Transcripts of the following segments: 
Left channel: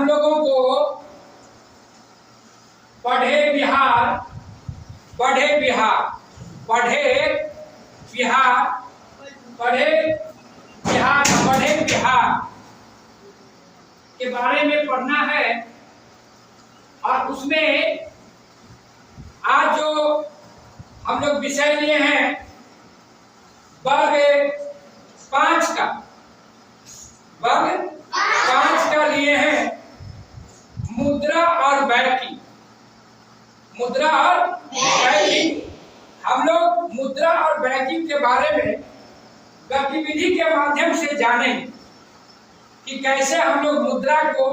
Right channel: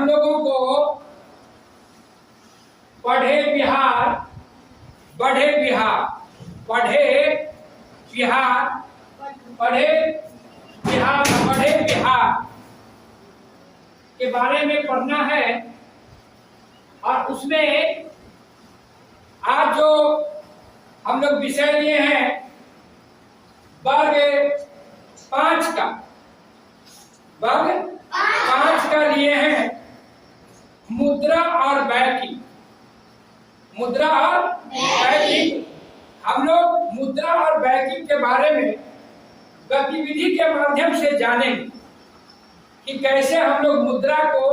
हम लोगों को पढ़े बिहार, बढ़े बिहार, पढ़े बिहार, पढ़े बिहार, बढ़े बिहार के बारे में पढ़ना है। और उसमें आज जो हम लोग विषय लिए हैं वर्ग 5 का, वर्ग 5 का लिए हैं मुद्रा और बैंकिंग। मुद्रा और बैंकिंग, हम लोग मुद्रा और बैंकिंग के बारे में गतिविधि के माध्यम से जानेंगे कि कैसे हम लोग मुद्रा को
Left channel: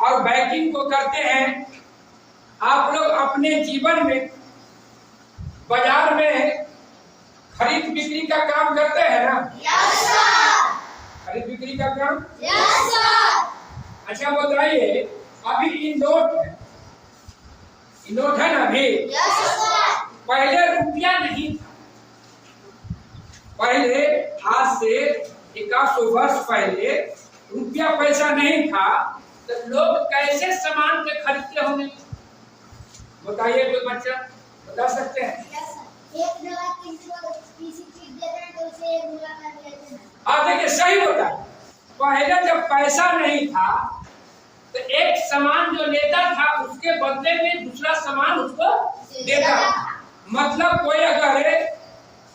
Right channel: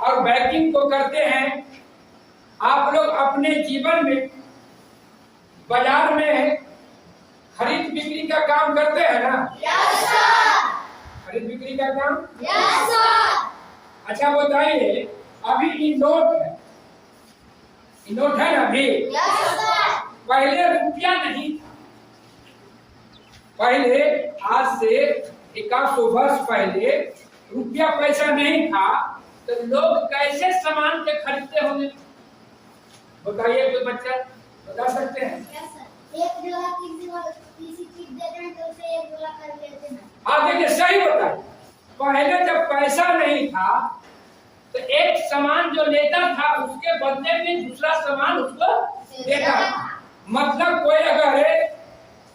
और बैंकिंग को करते हैं। आप लोग अपने जीवन में बाजार में खरीद बिक्री का काम करते हैं ना? Yes sir. खरीद बिक्री का काम? Yes sir. अच्छा बताइए, अभी इन नोट है, इन नोट है ना अभी? Yes sir. पहले रुपया नहीं था, पहले आज से 100 वर्ष पहले रुपया पैसा नहीं था, तो लोग कैसे सामान के खरीदते होंगे? बताइए, कोई बच्चा बता सकते हैं? एक जगह किसी चीज देते हैं तो उसे एक मुलाकात लेते हैं। हाँ देखिए, सही बताया। पहले जब पैसा नहीं था तो एक सामान जो लेता था उसके बदले में दूसरा सामान उसको देता था। मतलब कोई अगर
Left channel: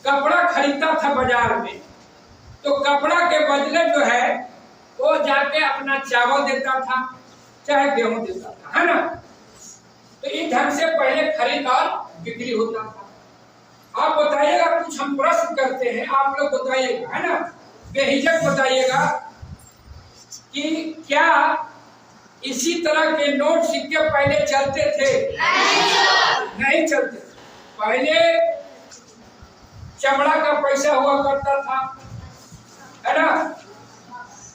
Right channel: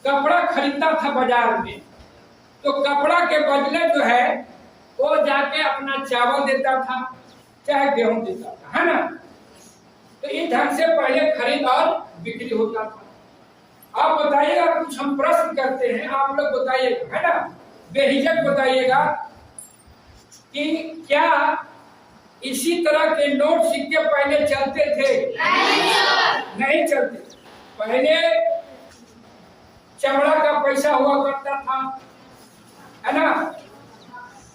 कपड़ा खरीदता था बाजार में तो कपड़ा के बदले जो है वो जाके अपना चावल देता था, चाहे गेहूं देता था, है ना? तो इस ढंग से पहले खरीद और बिक्री होता था। आप बताइएगा, कुछ हम प्रश्न करते हैं, आप लोग बताइएगा, है ना? बेहिचक बताइएगा कि क्या इसी तरह के नोट सिक्के पहले चलते थे? नहीं चलते। पहले चमड़ा का पैसा हुआ करता था, है ना?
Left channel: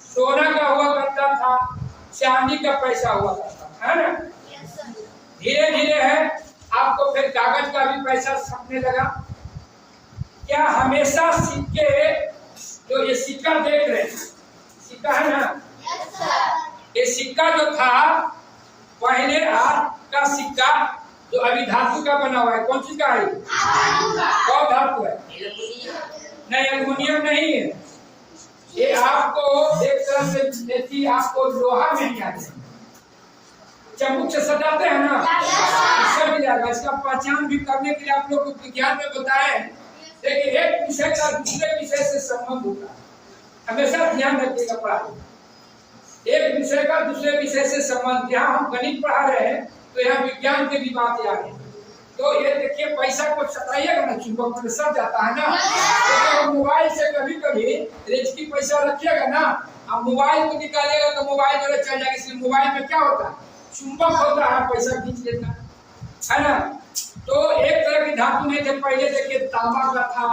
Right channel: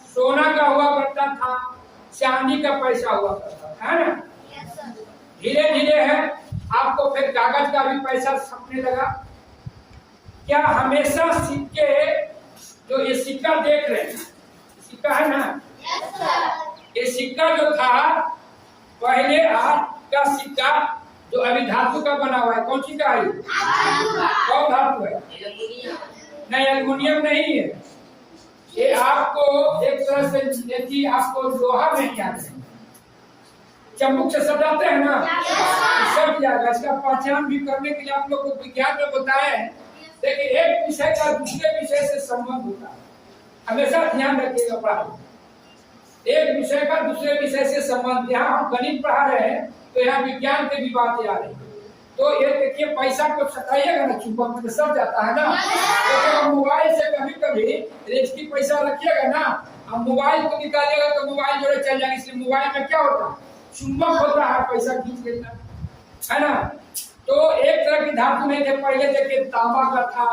सोना का हुआ करता था, चांदी का पैसा हुआ करता था, है ना? धीरे धीरे है आपको फिर कागज का भी पैसा छपने लगा। क्या हमेशा सिक्के, जो ये सिक्का देख रहे हैं, सिक्का है ना? ये सिक्का जो था पहले आपका सिक्का जो अभी धातु का बना हुआ है, कौन सी का है? कौन धातु है? नहीं, एल्युमिनियम नहीं है। ये आपको एक तरह से आपको लोहा नहीं आता है, चम्बुक से सटाते हैं ना, सट जाएगा। इसका पहचान भी करने के लिए आप लोग को विज्ञान में बताया है। देखिए, एक विषय का दूसरे विषय से संबंध होता है, हमेशा ध्यान रखिएगा पढ़ाई। एक विषय का दूसरे विषय से संबंध, यहाँ हम गणित पढ़ा रहे हैं तो यहाँ विज्ञान की भी बात याद है। तो ये देखिए, पैसा को सटाइएगा ना, चुंबक में सट जाता है ना। तो मोबाइल से कभी कभी रेजकी पैसा रखिएगा ना, अब मोबाइल को निकालिएगा तो मोबाइल जो चल जाएगा। इसलिए मोबाइल में क्या होता है? चुंबक होता है, पैसा खींच लेता है ना? तो एक तरह की धातु नहीं थे पहले। देखिए, तांबा का था,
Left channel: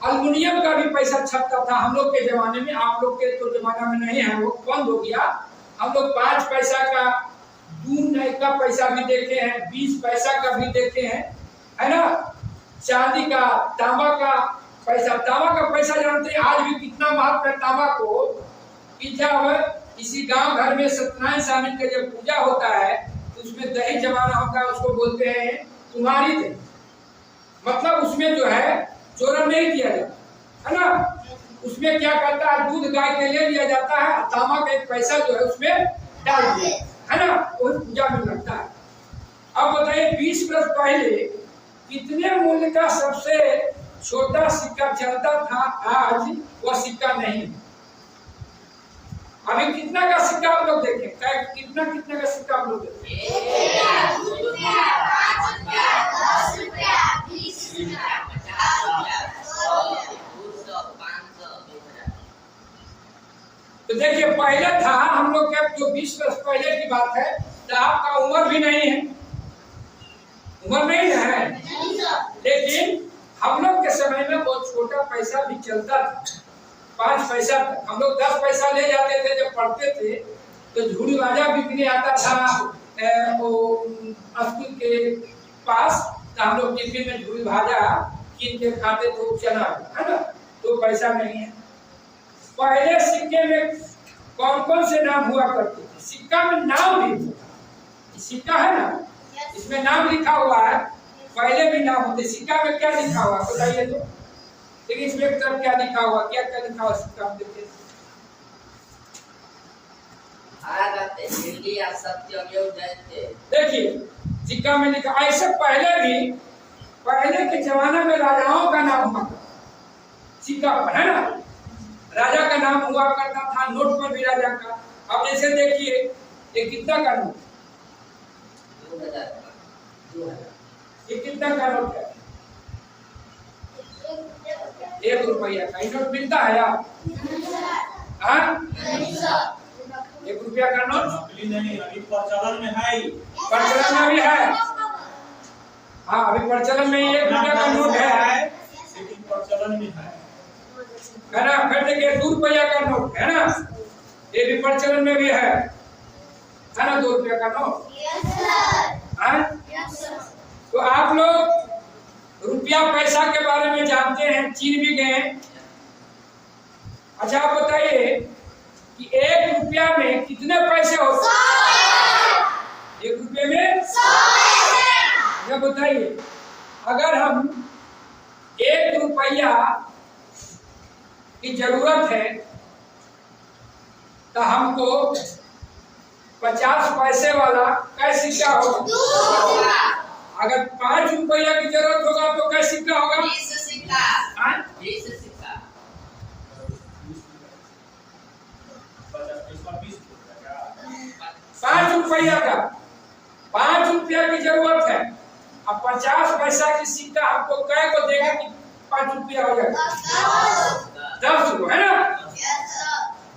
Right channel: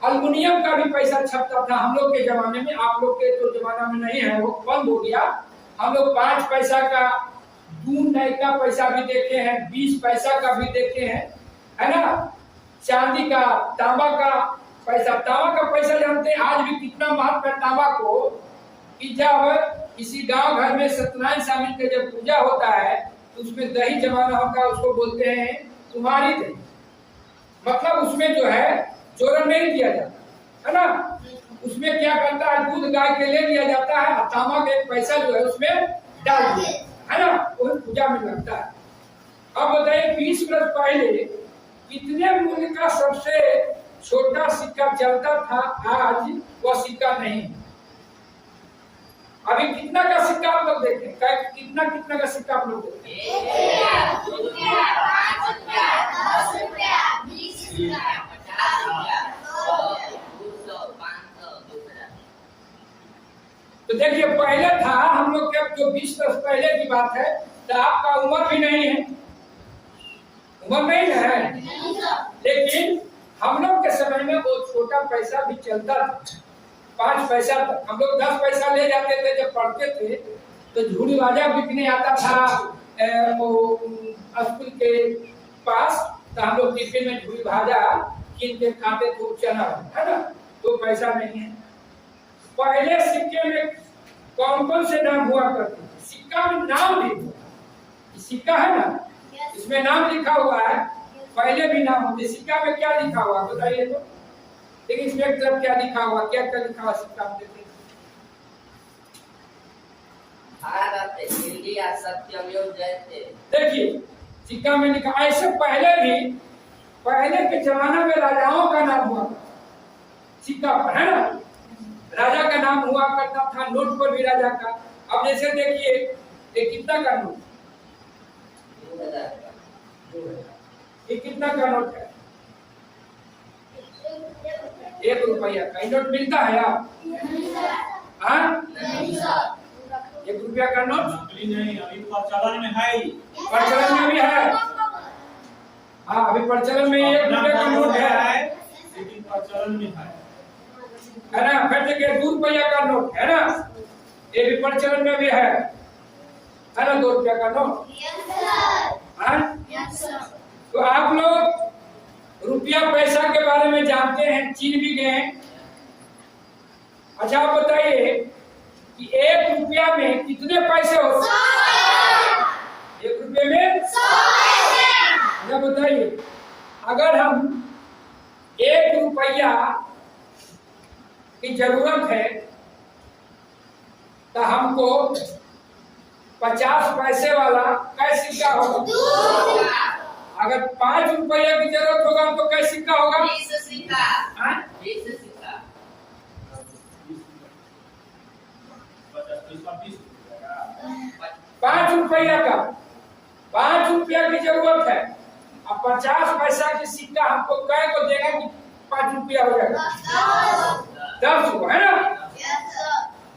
अल्युमिनियम का भी पैसा छपता था हम लोग के जमाने में। आप लोग के तो जमाना में नहीं है, वो बंद हो गया। हम लोग 5 पैसा का, 2 नए का पैसा भी देखे हैं, 20 पैसा का भी देखे हैं, है ना? चांदी का, तांबा का पैसा। तांबा का पैसा जानते हैं आज भी कितना महत्व है तांबा को? कि जब किसी गांव घर में सत्यनारायण स्वामी का जब पूजा होता है तो उसमें दही जमाना होता है, उसको बोलते हैं तुम्हारी दही। मतलब उसमें जो है चोरन नहीं दिया जाता, है ना? उसमें क्या करता है, दूध गाय के ले लिया जाता है, तांबा का एक पैसा जो है उसमें डाल दिया, है ना? वो पूजा में लगता है। अब बताइए, 20 वर्ष पहले कितने मूल्य का सबसे छोटा सिक्का चलता था? आज वह सिक्का नहीं। अभी कितना का सिक्का आप लोग देखें? कितना का सिक्का आप लोग देखें? 1 रुपया, 5 रुपया, 10 रुपया, 20 रुपया, 50 रुपया, 200, 500। तो देखिए, पहले था हम लोग का, जो 20 वर्ष पहले की बात है, तो आपका उम्र भी नहीं है, उम्र नहीं है, लेकिन हम लोग के समय में बहुत छोटा पैसा भी चलता था, 5 पैसा तक। हम लोग 10 पैसा ले जाते थे जब पढ़ते थे, तो झूड़ी बाजा बिकने आता था वो स्कूल के पास, तो हम लोग टिफिन में झूड़ी भाजा कीन के खाते थे, चना, है ना? तो पैसा नहीं है। पहले सिक्के में कौन कौन से नाम हुआ करते थे? सिक्का में नाम भी होता, सिक्का है ना, इसमें नाम लिखा हुआ है, पहले भी नाम होते। सिक्का में क्या लिखा हुआ बताइए तो? लेकिन इसमें एक तरफ क्या लिखा हुआ, क्या क्या लिखा हुआ सिक्का में? देखिए देखिए सिक्का में लिखा, ऐसे पहले भी, पहले के जमाने में राजाओं का नाम हुआ करता सिक्का पर, है ना, राजा का नाम हुआ करता था, नोट पर भी राजा का। अब जैसे देखिए ये कितना का नोट, 2000 ये कितना का नोट है? 1 रुपया का नोट मिलता है यार? हाँ, 1 रुपया का नोट नकली नहीं, अभी प्रचलन में है। प्रचलन में भी है। हाँ, अभी प्रचलन में 1 रुपया का नोट है, लेकिन प्रचलन में है ना। फिर देखिए 2 रुपया का नोट है ना, ये भी प्रचलन में भी है ना, 2 रुपया का नोट। हाँ, तो आप लोग रुपया पैसा के बारे में जानते हैं, चीन भी गए हैं। अच्छा आप बताइए कि 1 रुपया में कितने पैसे होते हैं? 1 रुपये में 100। या बताइए अगर हम 1 रुपया की जरूरत है तो हमको 50 पैसे वाला कैसे सिक्का होगा? अगर 5 रुपया की जरूरत होगा तो कैसे सिक्का होगा? 20 सिक्का। 20 सिक्का। 5 रुपया का, 5 रुपया की जरूरत है, अब 50 पैसा की सिक्का हमको कै को देगा कि 5 रुपया हो जाएगा? 10 को, है ना।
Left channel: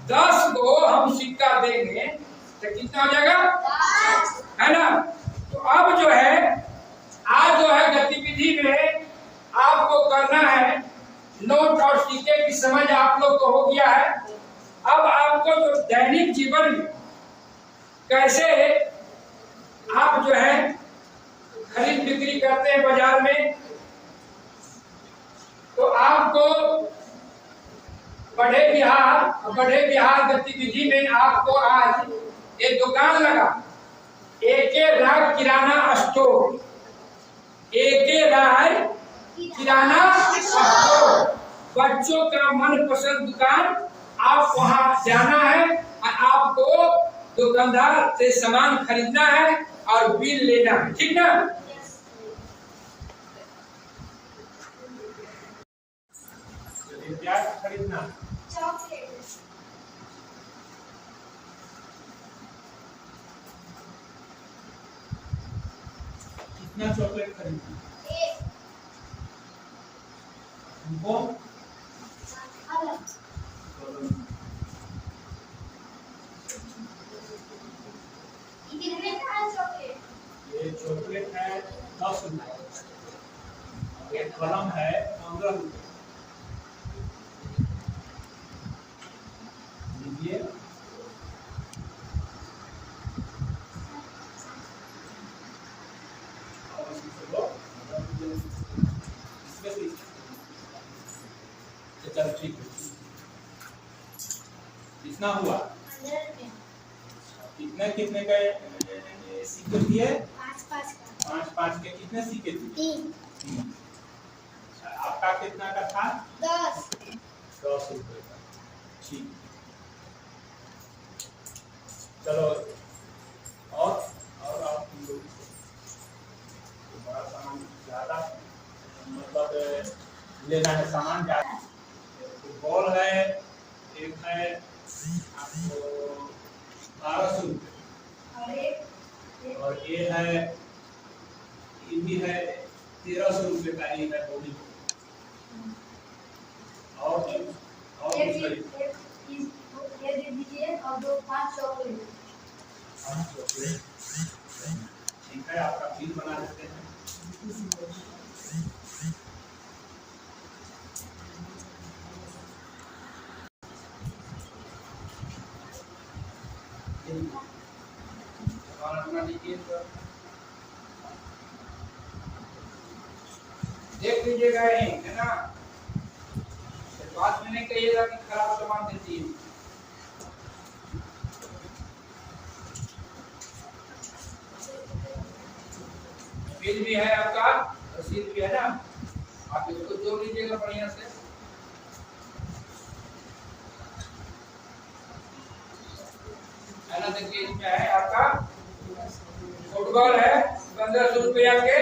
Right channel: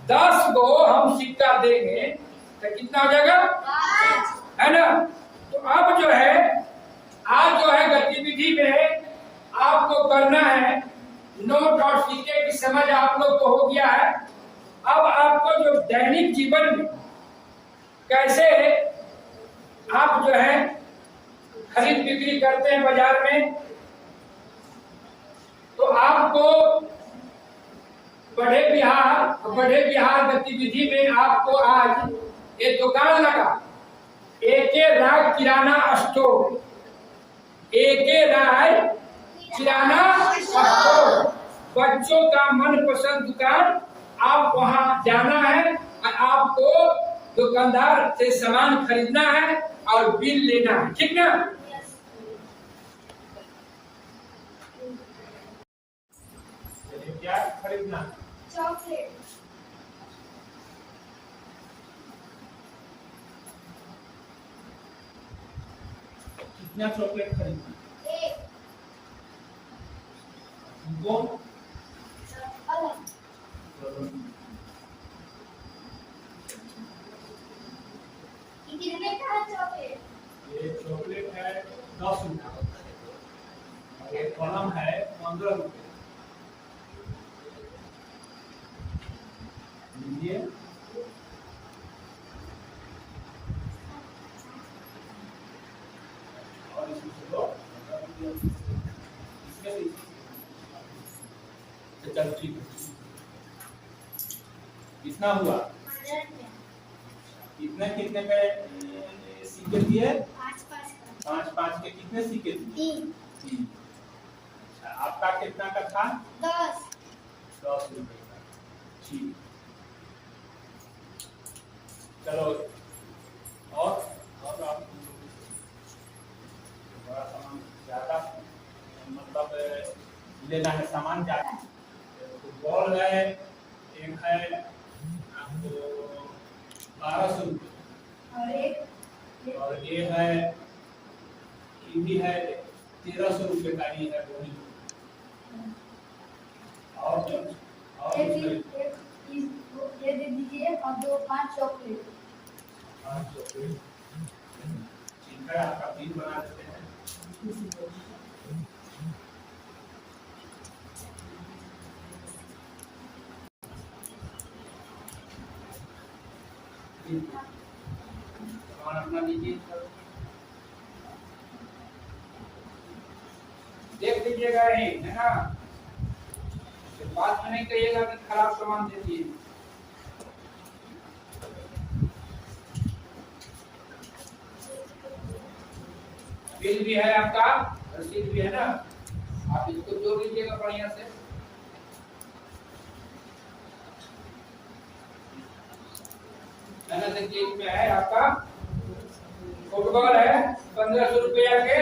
10 को हम सिक्का देंगे तो कितना हो जाएगा? है ना। तो अब जो है, आज जो है गतिविधि में आपको करना है, नोट और सिक्के की समझ आप लोग को हो गया है। अब आपको जो दैनिक जीवन में कैसे आप जो है खरीद बिक्री करते हैं बाजार में, तो आपको बढ़े बिहार गतिविधि में आपको आज एक दुकान लगा, एके राय किराना स्टोर, एके राय किराना स्टोर, बच्चों का मनपसंद दुकान। आप वहां जाना है और आपको दुकानदार से सामान खरीदना है और बिल लेना है, ठीक ना। क्या खरीदना? चॉकलेट। कितना चॉकलेट खरीदना? 1। हमको अलग। कितने का चॉकलेट? ये चॉकलेट है 10 रुपये और एक कलम है 15 रुपये। लीजिए। और इसमें से चल ठीक है। कितना हुआ? 15 रुपये। कितने कितने के सिक्के दिए? 5-5 का। 5-5 के कितने सिक्के दिए? 3। अच्छा, आपका कितना का था? 10। 10 रुपए का। ठीक, चलो। और आप बड़ा सामान ज्यादा मतलब लेना है, सामान ज्यादा। फुटबॉल है, एक है आपको 1200 रुपये और ये है, ये भी है 1300 रुपये का ही है बॉडी। और ये दे दीजिए और 5 चॉकलेट। 5 चॉकलेट, ठीक है, आपका बिल बना देते हैं। और अपना लीजिए, देख लीजिएगा यही, है ना। बाद में नहीं कहिएगा कि खराब सामान देती है। बिल भी है आपका, रसीद भी है ना, आप इसको जोड़ लीजिएगा बढ़िया से। है ना, देखिए इसमें है आपका फुटबॉल है 1500 रुपया के,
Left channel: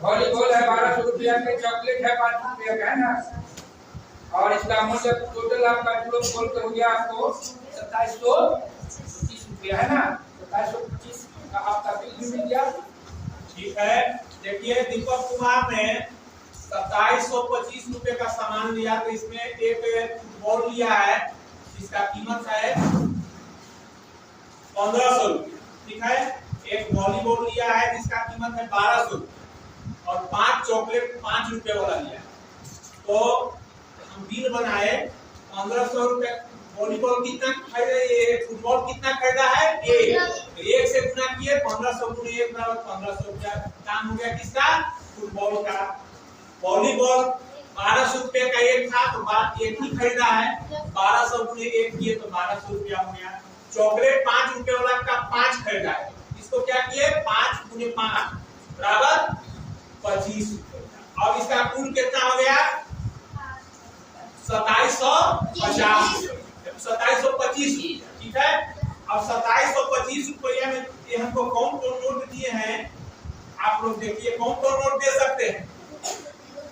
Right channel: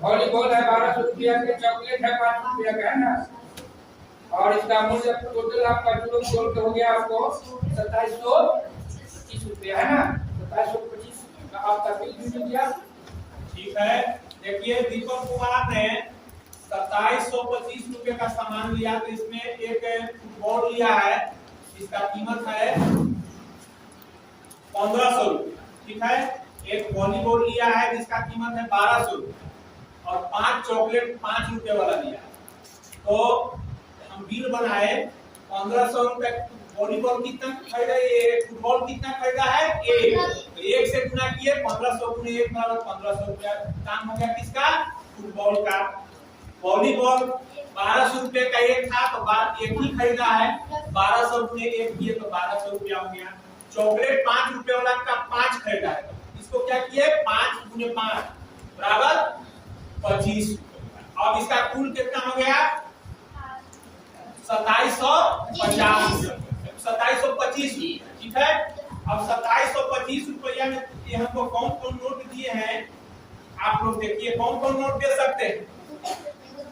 वॉलीबॉल है 1200 रुपया के, चॉकलेट है 5 रुपया का, है ना। और इसका मूल्य टोटल आपका गोल हो गया आपको 2725 रुपया, है ना। 2725 का आपका बिल भी मिल गया। ठीक है, देखिए दीपक कुमार ने 2725 रुपए का सामान लिया, तो इसमें एक बॉल लिया है जिसका कीमत है 1500 रुपये। ठीक है, एक वॉलीबॉल लिया है जिसका कीमत है 1200 रुपये और 5 चॉकलेट 5 रुपए वाला लिया। तो हम बिल बनाए 1500 रुपए। वॉलीबॉल कितना खरीदा, ये फुटबॉल कितना खरीदा है, एक से गुना किए 1500 गुने 1 बराबर 1500 रुपया काम हो गया किसका, फुटबॉल का। वॉलीबॉल 1200 रुपए का एक था तो बात एक ही खरीदा है, 1200 गुने 1 किए तो 1200 रुपया हो गया। चॉकलेट 5 रुपए वाला का 5 खरीदा है, इसको क्या किए 5 गुने 5 बराबर 25 रुपया। अब इसका कुल कितना हो गया 2750 रुपया, 2725। ठीक है, अब 2725 रुपया में ये हमको कौन कौन नोट दिए हैं, आप लोग देखिए कौन कौन नोट दे सकते हैं।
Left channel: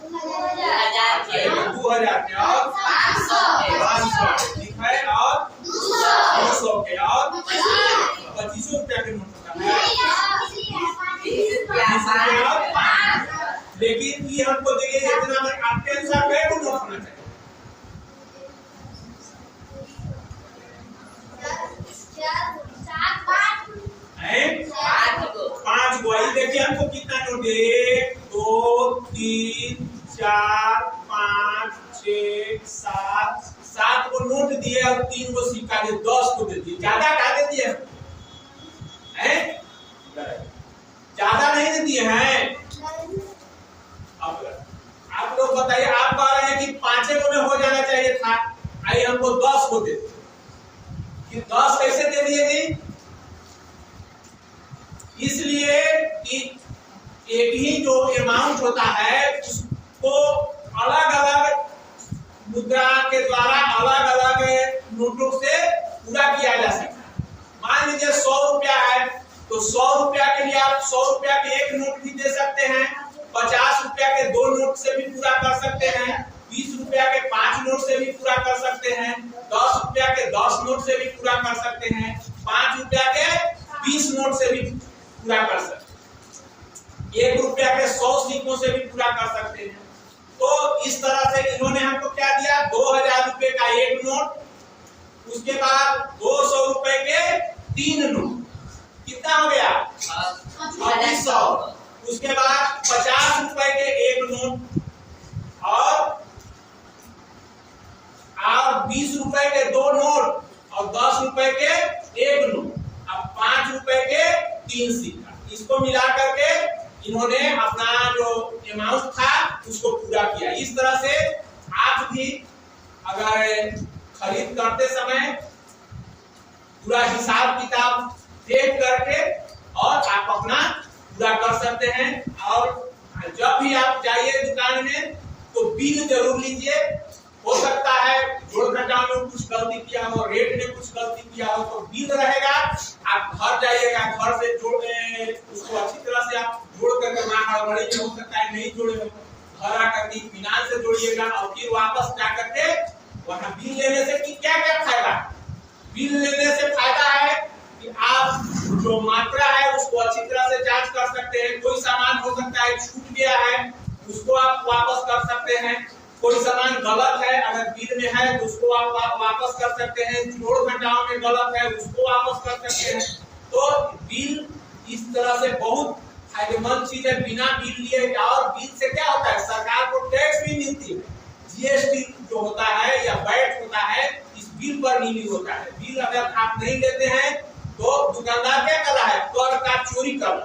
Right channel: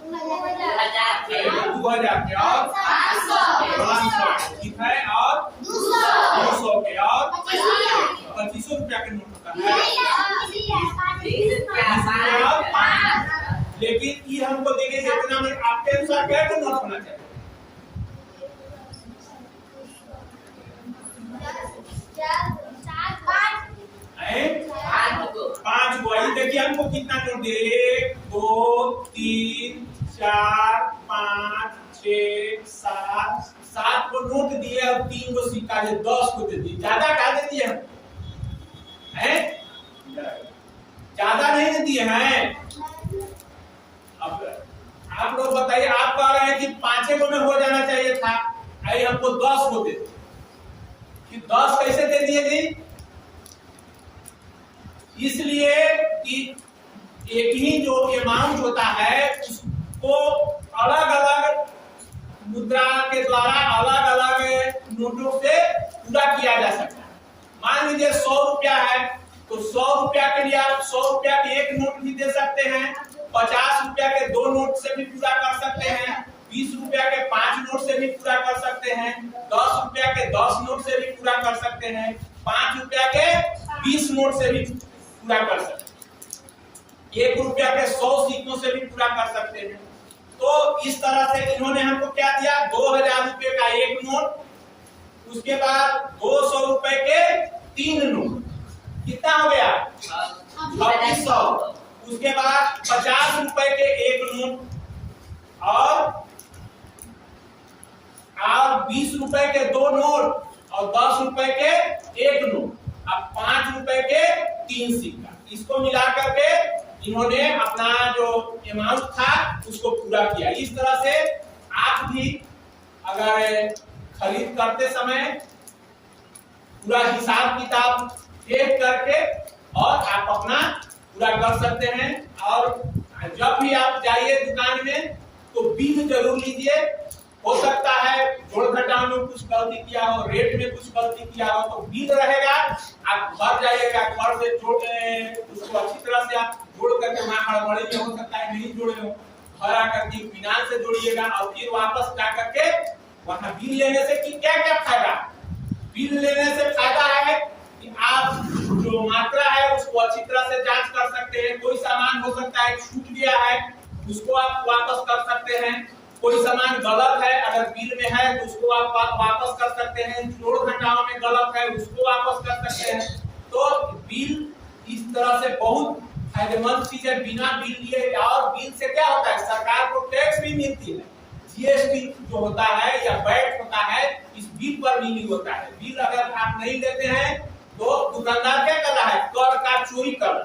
2000 के और 500, ठीक है, और 200 के और 25 रुपया के नोट होता है। लेकिन ये हमको देंगे इतना में आपके अनुसार क्या नोट होना चाहिए, 5 गो। देखिए हमको कितना नोट दे, 1 2 3 4 5 6 7 को नोट दिए और 3 को सिक्का दे, 10 को दे दिए। ज्यादा क्या दे दिए हैं, ज्यादा नहीं दे दिए हैं। अब आप लोग बताइए, आप कह रहे हैं कि 5 गो में हो जाना चाहिए था, आई हमको 10 को दे, 10 कैसे दे दिए जी, इसलिए कि एक ही जो अमाउंट होता है उसको अलग अलग मुद्रा के द्वारा अलग अलग नोटों से पूरा किया जा सकता है। मान लीजिए 100 रुपया है तो 100 रुपया के लिए आप 100 रुपया के एक नोट भी दे सकते हैं, 50 रुपया के 2 नोट से भी पूरा कर सकते हैं, 20 रुपया के 5 नोट से भी पूरा कर सकते हैं, 10 रुपया के 10 नोट से भी पूरा कर सकते हैं, 5 रुपया के 20 नोट से भी पूरा कर सकते हैं, 1 रुपया के 100 सिक्कों से भी पूरा कर सकते हैं। तो इस तरह से इन्होंने हमको क्या दिया, 2000 रुपए का एक नोट, उसके बाद 200 रुपए के 3 नोट, कितना हो गया 2600। उसके बाद 50 रुपए के एक नोट और 20 रुपए के 2 नोट और 10 रुपए के एक नोट, अब 5 रुपए के 3 सिक्का। इसको मिला करके इन्होंने अपना जो अमाउंट था उसको पूरा किया। इस तरह से आप भी अगर खरीद करते समय पूरा हिसाब किताब देख करके और आप अपना पूरा कर सकते हैं। और जब भी आप जाइए दुकान में तो बिल जरूर लीजिए, हो सकता है जोड़ घटाव में कुछ गलती किया हो, रेट में कुछ गलती किया हो, तो बिल रहेगा, आप घर जाइएगा, घर से जोड़ उसको अच्छी तरह से आप जोड़ करके, वहाँ हड़बड़ी में हो सकता है नहीं जोड़े हो, घर आकर के फिनांस से जोड़िएगा और फिर वापस जा करके वहाँ बिल लेने से कि क्या क्या फायदा। बिल लेने से फायदा है कि आप जो मात्रा है उसको अच्छी तरह से जांच कर सकते हैं। कोई सामान हो सकता है छूट गया है, उसको आप वापस कर सकते हैं। कोई सामान गलत है, अगर बिल में है तो उसको आप वापस कर सकते हैं। जोड़ घटाव में गलत है, उसको वापस कर सकते हैं। तो बिल इस तरह से बहुत फायदेमंद चीज है। बिना बिल लिए, और बिल से क्या होता है, सरकार को टैक्स भी मिलती है। जीएसटी जो होता है या वैट होता है, इस बिल पर मिली होता है। बिल अगर आप नहीं लेते हैं तो दुकानदार क्या कर रहा है, कर का चोरी कर रहा है।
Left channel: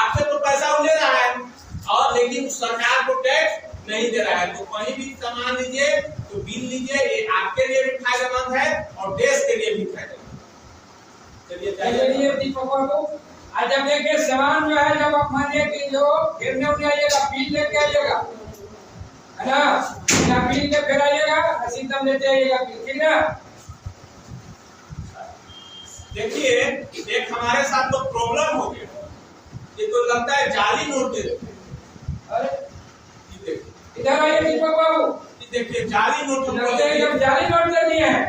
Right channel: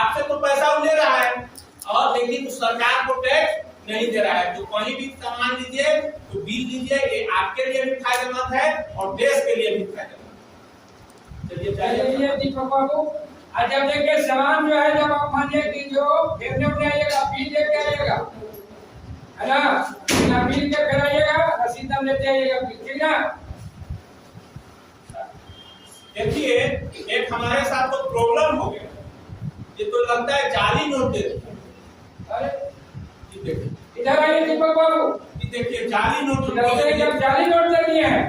आपसे तो पैसा ले रहा है और लेकिन सरकार को टैक्स नहीं दे रहा है। तो कहीं भी सामान लीजिए तो बिल लीजिए, ये आपके लिए भी फायदेमंद है और देश के लिए भी फायदेमंद। चलिए दीपक बाबू आज जब देखिए सामान जो है, जब आप मानिए कि जो फेरने उठने आइएगा, बिल लेके आइएगा, है ना, बिना बिल के फिर आइएगा, रसीद हम लेते आइएगा, ठीक ना। देखिए एक हमारे साथ तो प्रॉब्लम हो गया, ये तो लगता है जाली नोट दे रहे। अरे ये देखिए, इधर आइए दीपक बाबू, ये देखिए जाली नोट जब जाली नोट दे दिए हैं,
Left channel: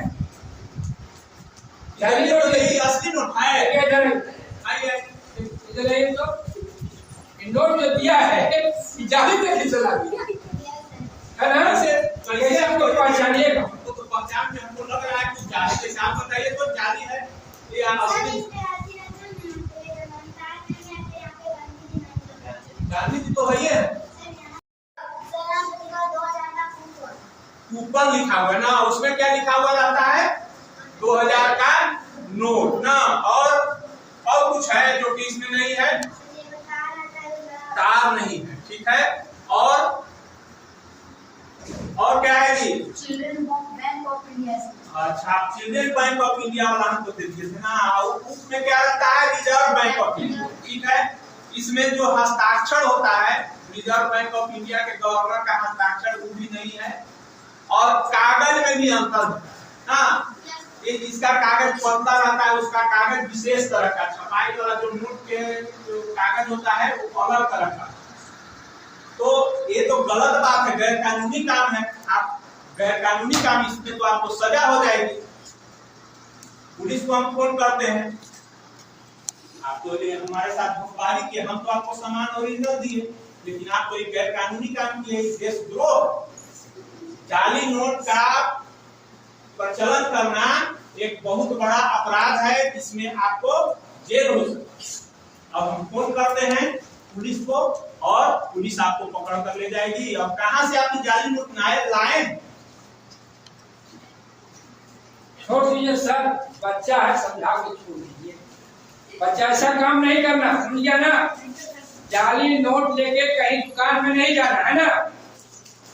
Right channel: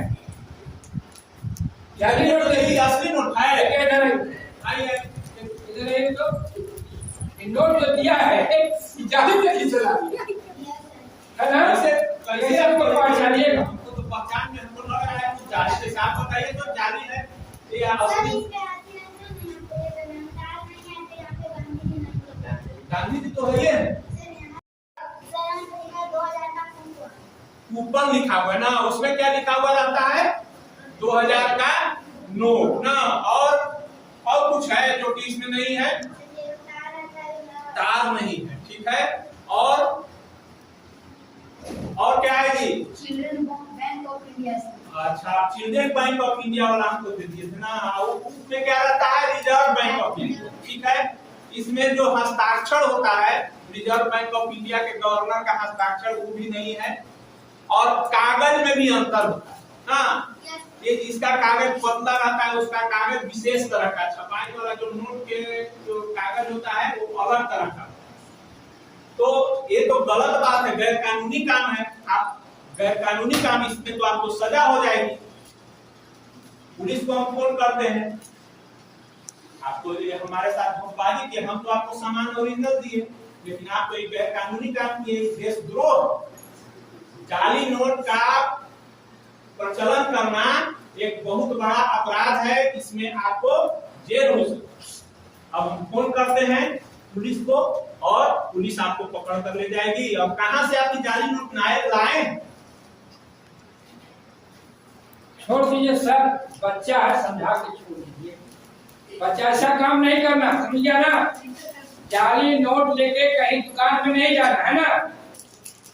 जाली नोट यही असली नोट है। इधर आइए इधर आइए, तो नोट जो दिया है जाली पे ही चला दिया, है ना। कैसे आपको पहचानिएगा? हमको तो पहचान में हमको लग रहा है कुछ जाली के साथ बताइए तो जाली है ये असली। गांधी जी तो है ये ऊपर लिखा हुआ है ना, उसमें क्या लिखा हुआ रहता है, 2000 का नोट ना, और कुछ है जो कि इसमें नहीं है, तार नहीं है, ठीक है। और क्या है जी, चिल्ड्रन बैंक ऑफ इंडिया। अच्छा, आप चिल्ड्रन बैंक ऑफ इंडिया वाला हमको दे दिए थे ना, और उसमें क्या रहता है, रिजर्व बैंक ऑफ इंडिया, ठीक है। इसमें जो हस्ताक्षर होता है रिजर्व बैंक ऑफ इंडिया के गवर्नर का हस्ताक्षर वो भी नहीं है, और कागज में भी अंतर होता है ना। ये इसका कागज पतला रहता है, उसका कागज विशेष तरह का, छपाई वाला जो नोट के जो कागज होता है वो अलग तरह का। तो ये तो गलत बात है, गैर कानूनी काम है। आप गैर कानूनी काम, इसमें तो आपको सजा हो जाएगी। पुलिस को हम फोन करते हैं, आपको ये हमारे साथ धोखाधड़ी किया, हम तो आपको सामान ओरिजिनल दिए, लेकिन आप तो ये गैर कानूनी काम किए, देशद्रोह। जाली नोट का प्रचलन करना एक बहुत बड़ा अपराध है, इसमें आपको जेल हो सकती है। अब हम फोन करते हैं पुलिस को, और पुलिस आपको पकड़ कर ले जाएगी। और कहां से आपकी जाली नोट लाए? छोड़ दीजिए सर, बच्चा है, समझा के छोड़ दीजिए, बच्चा ऐसा काम नहीं करना, समझ गया ना। जाली नोट लेके कहीं दुकान में नहीं जाना है ना।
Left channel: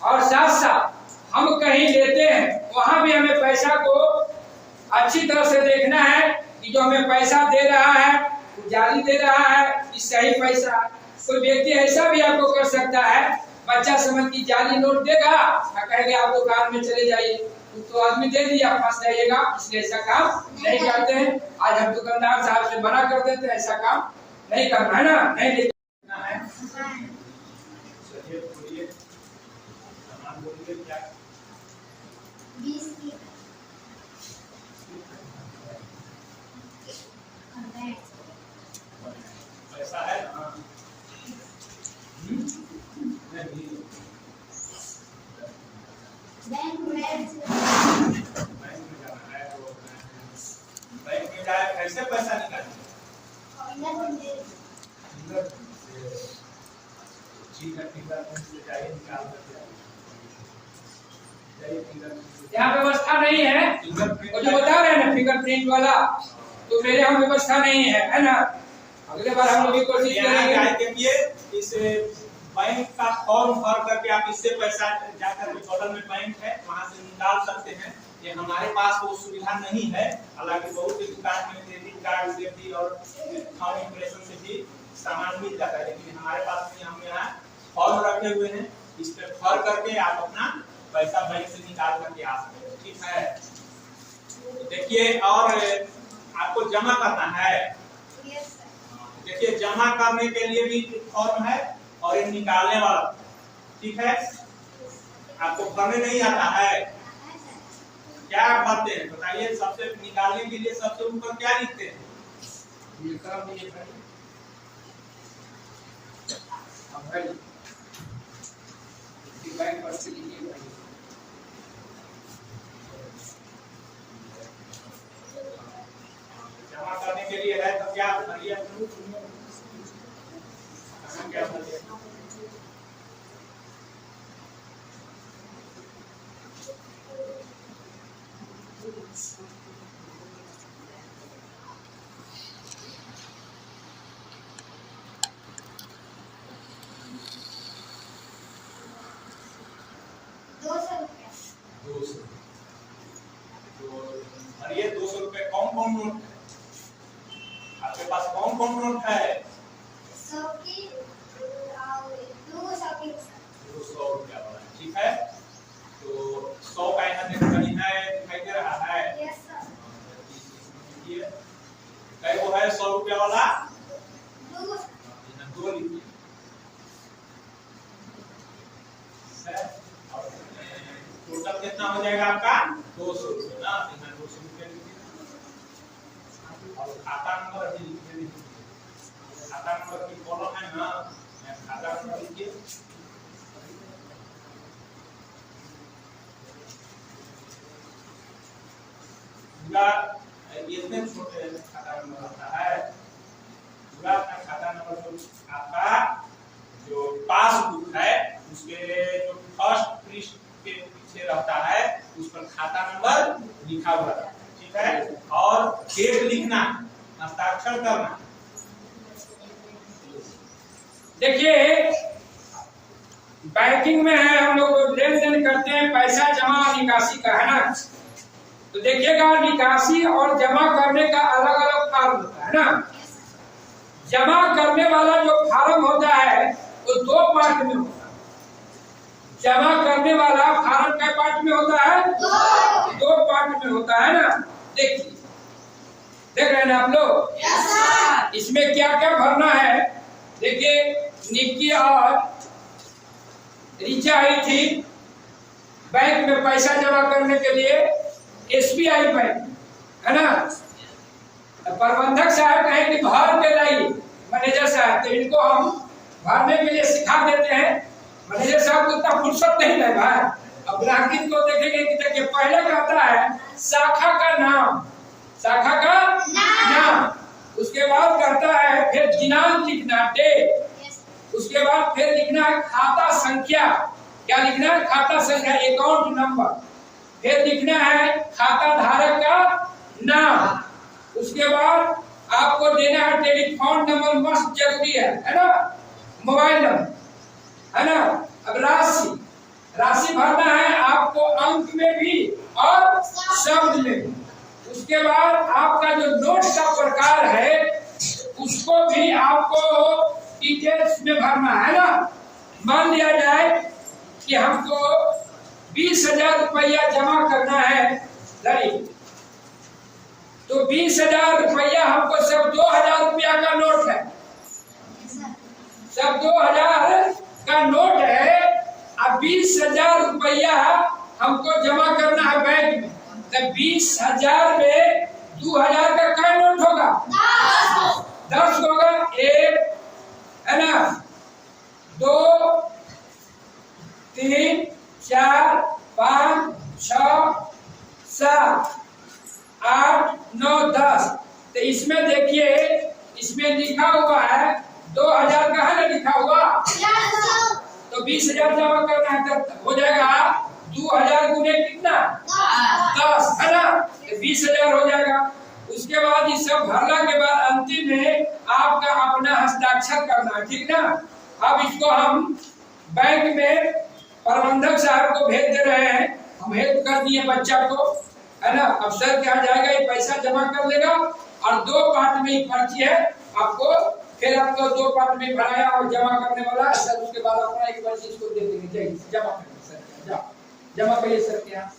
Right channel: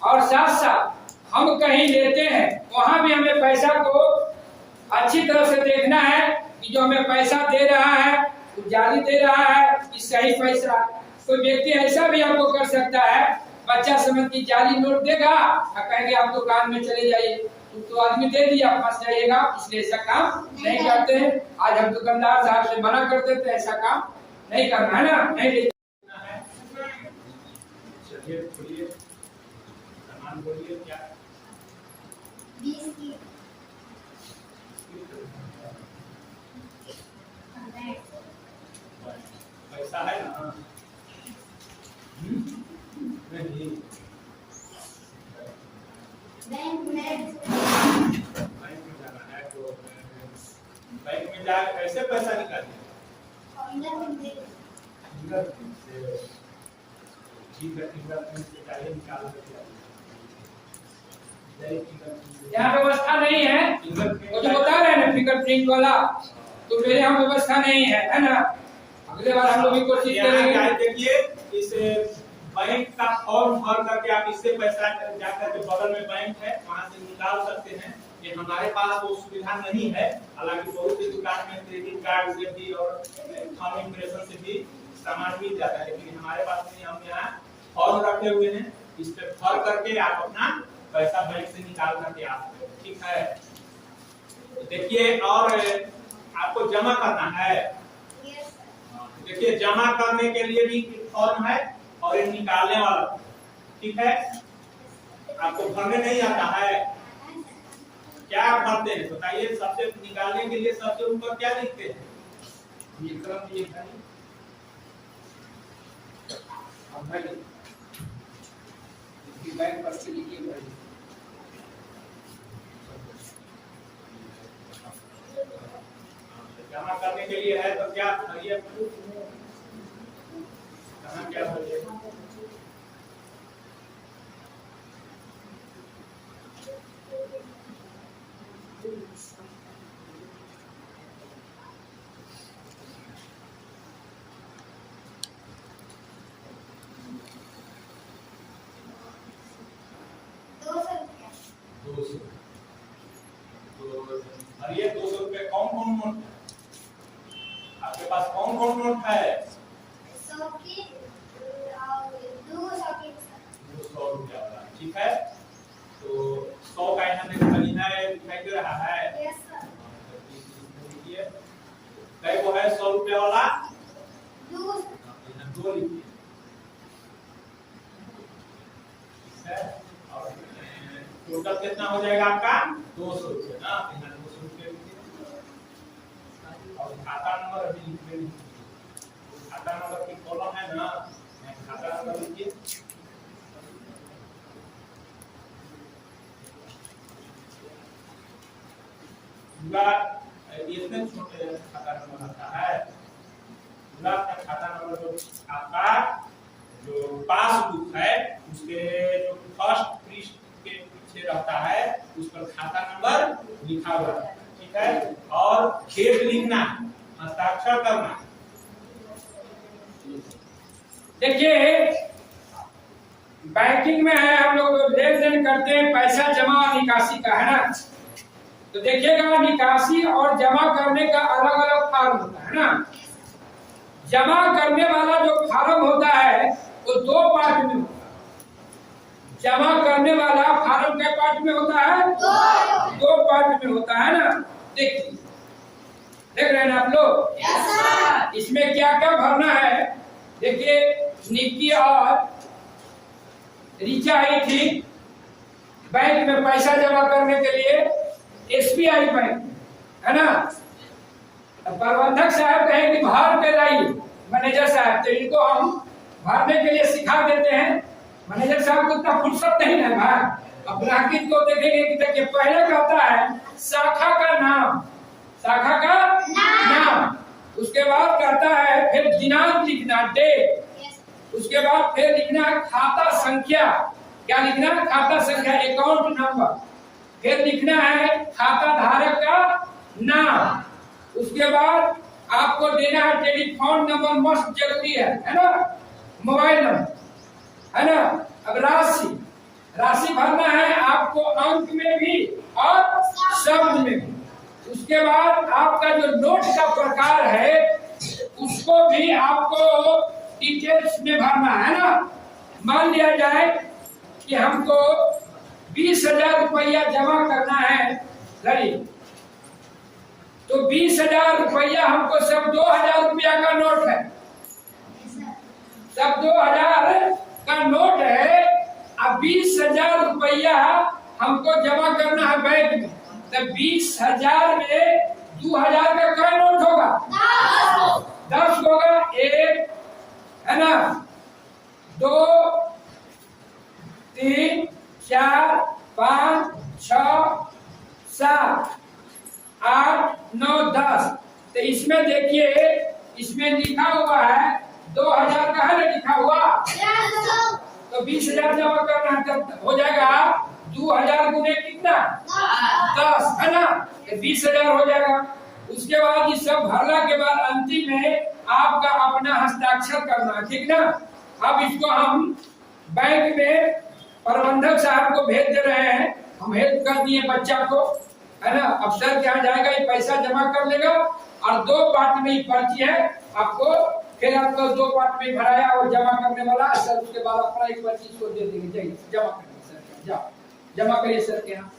और साथ साथ हम कहीं लेते हैं, वहां भी हमें पैसा को अच्छी तरह से देखना है कि जो हमें पैसा दे रहा है वो जाली दे रहा है कि सही पैसा। कोई व्यक्ति ऐसा भी आपको कर सकता है, बच्चा समझ की जाली नोट देगा और कहेंगे आप दुकान में चले जाइए, तो आदमी दे दिया, फंस जाइएगा। इसलिए ऐसा काम नहीं करते हैं। आज हम दुकानदार साहब से मना कर देते हैं, ऐसा काम नहीं करना है ना, नहीं लेना है। चलिए बोलिए, सामान बोलिए क्या? 20 की पैसा है ना? नहीं, बैंक में जाना है तो बैंक में जाए, कैसे पैसा निकालेंगे? यहाँ व्यवस्था नहीं है, वो जो बता रहे हैं ना फिंगरप्रिंट वाला, तो मेरे यहाँ व्यवस्था नहीं है ना। अगले बार हम लोग भी कोशिश करेंगे। देखिए, इस बैंक का फॉर्म भर करके आप इससे पैसा जाकर के बगल में बैंक है वहां से निकाल सकते हैं। ये हमारे पास वो सुविधा नहीं है, हालांकि बहुत सी दुकान में क्रेडिट कार्ड भी और थंब इम्प्रेशन से भी सामान मिल जाता है, लेकिन हमारे पास नहीं। हम यहाँ फॉर्म रखे हुए हैं, इस पे भर करके आप अपना पैसा बैंक से निकाल करके आ सकते हैं, ठीक है। तो देखिए, और आपको जमा करना है, देखिए जमा करने के लिए भी फॉर्म है और ये निकालने वाला, ठीक है। आपको भरने नहीं आता है, क्या भरते हैं बताइए? सबसे निकालने के लिए सबसे ऊपर क्या लिखते हैं? ये काम ये भाई, अब भाई इसकी बैंक पर से लिखिए भाई। जमा करने के लिए है तो क्या भरिए? क्या भरिए? भरिए 200 रुपए। कौन कौन नोट है आपके पास? कौन कौन नोट है? 100 की और 200 की सर। 200 रुपया वाला, ठीक है। तो 100 का यहाँ देखो कहीं है, दिखाई दे रहा है? Yes sir. देखिए कई वो है 100 रुपया वाला? 2 यहाँ 2 लिखिए, और टोटल कितना हो जाएगा आपका? 200 रुपये ना। यहाँ 200 रुपये लिखिए और खाता नंबर अभी लिखिए। खाता नंबर की कॉलम है ना, यहाँ खाता नंबर लिखिए। इतने छोटे खाता नंबर आता है। पूरा अपना खाता नंबर जो आपका जो पासबुक है उसके जो फर्स्ट पृष्ठ के पीछे रहता है उस पर खाता नंबर लिखा हुआ रहता है, ठीक है। और डेट लिखना, हस्ताक्षर करना। देखिए बैंकिंग में है, हम लोग लेन देन करते हैं, पैसा जमा और निकासी का है ना। तो देखिएगा निकासी और जमा करने का अलग अलग फॉर्म होता है ना। जमा करने वाला जो फॉर्म होता है वो 2 पार्ट में होता है। जमा करने वाला फॉर्म क्या पार्ट में होता है? 2 पार्ट में होता है ना। देखिए देख रहे हैं आप लोग? Yes sir. इसमें क्या क्या भरना है? देखिए निक्की और रिचा आई थी बैंक में पैसा जमा करने के लिए, SBI बैंक है ना। प्रबंधक साहब कहे कि भर के लाइए, मैनेजर साहब, तो इनको हम भरने के लिए सिखा देते हैं। मैनेजर साहब को इतना फुर्सत नहीं है भाई। अब ग्राहक को देखेंगे कि देखिए पहले कहता है शाखा का नाम, शाखा का नाम, उसके बाद कहता है फिर दिनांक लिखना, डेट, उसके बाद फिर लिखना है खाता संख्या। क्या लिखना है? खाता संख्या, अकाउंट नंबर। फिर लिखना है खाता धारक का नाम। उसके बाद आपको देना है टेलीफोन नंबर, मस्ट जरूरी है ना, मोबाइल नंबर है ना। अब राशि भरना है आपको, अंक में भी और शब्द में भी। उसके बाद आपका जो नोट का प्रकार है उसको भी आपको डिटेल्स में भरना है ना। मान लिया जाए कि हमको 20,000 रुपया जमा करना है धरी, तो 20,000 रुपया हमको सब 2,000 रुपया का नोट है, सब 2,000 का नोट है। अब 20,000 रुपया हमको जमा करना है बैंक में, तो 20,000 में 2,000 का क्या नोट होगा? 10 होगा। 1 है ना, 2 3 4 5 6 7 8 9 10। तो इसमें देखिए इसमें लिखा हुआ है 2,000 का है ना लिखा हुआ, तो 20,000 जमा करना है, तब हो जाएगा 2,000 गुने कितना? 10 है ना, तो 20,000 हो जाएगा। उसके बाद ये सब भरना के बाद अंतिम में आपका अपना हस्ताक्षर करना है, ठीक ना। अब इसको हम बैंक में प्रबंधक साहब को भेज दे रहे हैं, हम हेल्प कर दिए बच्चा को है ना। अब सर क्या जाएगा, ये पैसा जमा कर लेगा और 2 पार्ट में ही पर्ची है आपको, फिर आपको 2 पार्ट में भराया और जमा करने वाला सर। उसके बाद अपना एक पर्ची इसको दे देंगे, चाहिए जमा करने सर, जाओ जमा करिए सर के यहाँ।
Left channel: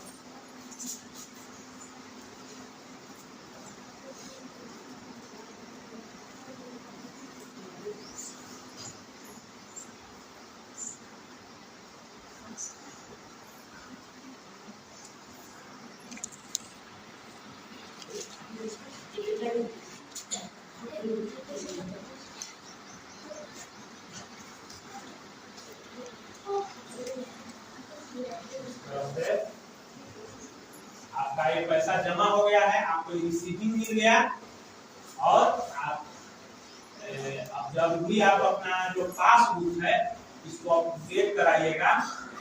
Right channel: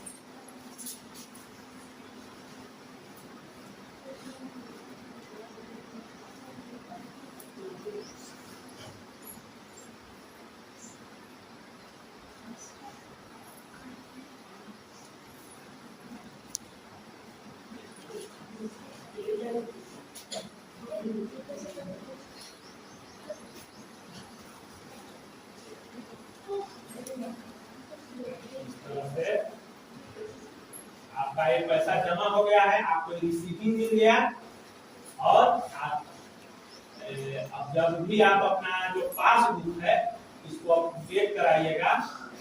आपका ये पैसा जमा हो गया है, आपको रिसीविंग मिल गया। और आप अब जब भी आप अपना जो पासबुक है इसको अपडेट कराइएगा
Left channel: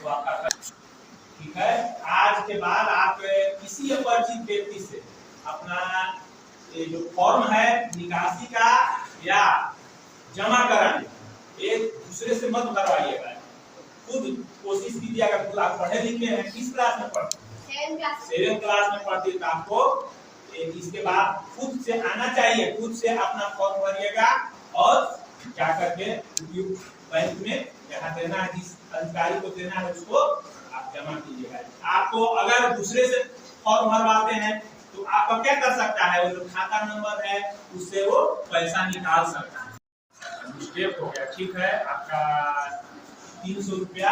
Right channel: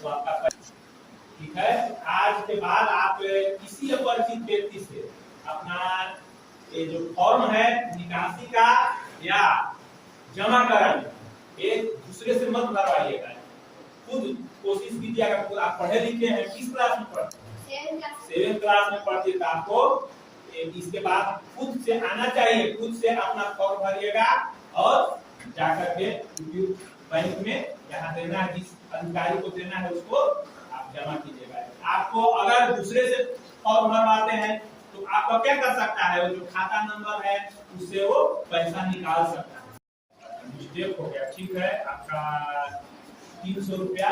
तो आपका, ठीक है। आज के बाद आप किसी अपरिचित व्यक्ति से अपना ये जो फॉर्म है निकासी का या जमा कराने, एक दूसरे से मत भरवाइएगा, खुद कोशिश कीजिएगा। खुद आप पढ़े लिखे हैं, किस क्लास में पढ़ते हैं? 7th class. 7th क्लास में पढ़ते हैं, तो आपको इसके बाद खुद से आना चाहिए, खुद से अपना फॉर्म भरिएगा और जाकर के उपयुक्त बैंक में जहाँ देना है, जिस अधिकारी को देना है उसको आप जमा कीजिएगा। आपको अगर दूसरे से फॉर्म भरवाते हैं तो आपका क्या कर सकता है, वो जो खाता नंबर है उससे वो पैसा निकाल सकता है। मिस्टेक हो गया, ठीक है, आपका 300 रुपया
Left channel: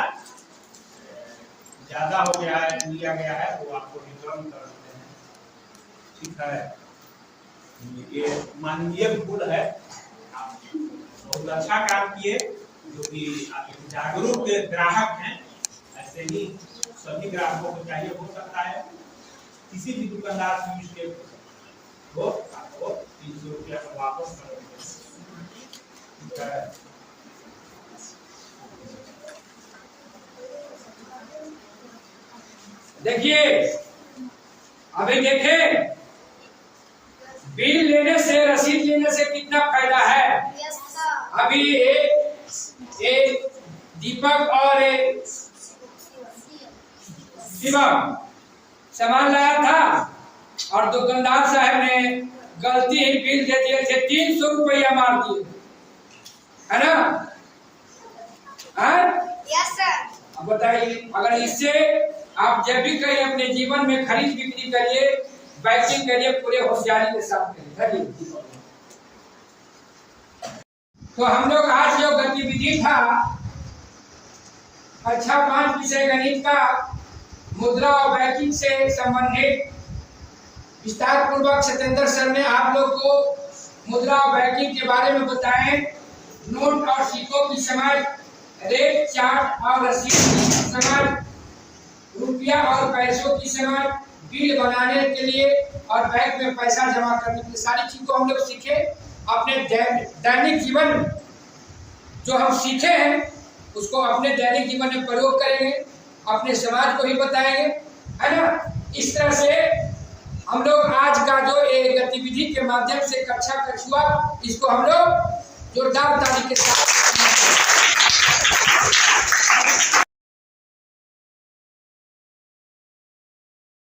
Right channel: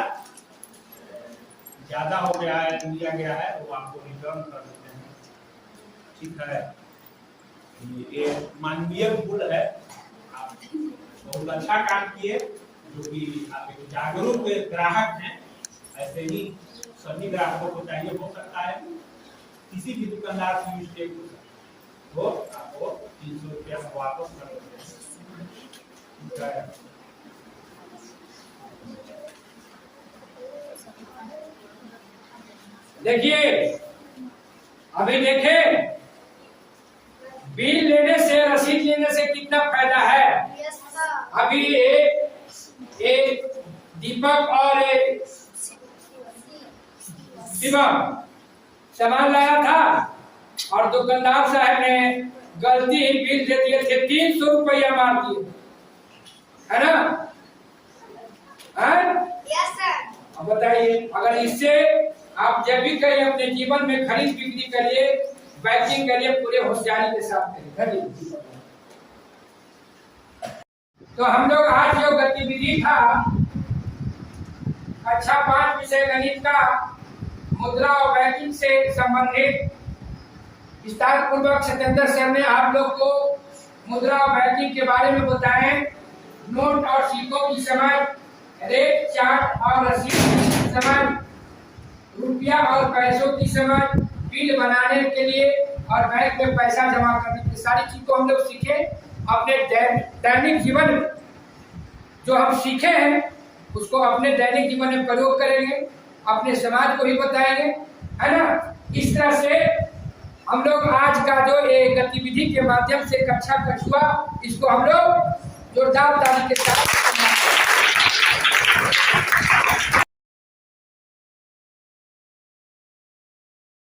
ज्यादा हो गया है, लिया गया है, वो आपको रिटर्न कर देते हैं, ठीक है। ये मानवीय भूल है, आप बहुत अच्छा काम किए, जो कि आप एक जागरूक ग्राहक हैं। ऐसे ही सभी ग्राहकों को चाहिए, हो सकता है किसी भी दुकानदार से मिस्टेक हो आपको 300 रुपया वापस कर देते हैं। देखिए, अभी देखें, बिल लेने से, रसीद लेने से कितना फायदा है। Yes sir. अभी एक दीपक और एक शिवम सामान लाया था और दुकानदार साहब ने गलती ही बिल दे दिए थे, 300 रुपया मार दिए, है ना? Yes sir. अब बताइए, अगर इससे आप जब भी कहीं अपने जीवन में खरीद बिक्री करिए, बैंकिंग करिए, पूरे होशियारी के साथ करिए। तो हम लोग आज जो गतिविधि था, कक्षा 5 विषय गणित का मुद्रा और बैंकिंग से संबंधित विस्तार पूर्वक सत्येंद्र सर ने आप लोग को मुद्रा और बैंकिंग के बारे में बताएं। नोट और सिक्कों की समझ, रेट चार्ट और रसीद की समझ, रुपया और पैसों की समझ, बिल बनाने के लिए और बैंक में पैसा जमा करने की सारी चीज को हम लोग सीखे। अपने दैनिक जीवन में जो हम सीखे हैं उसको अपने दैनिक जीवन में प्रयोग करेंगे, अपने समाज को ही बताएंगे, है ना? इस तरह से हम लोग आज का जो एक गतिविधि के माध्यम से कक्षा कछुआ, इसको हम लोग जोरदार ताली के साथ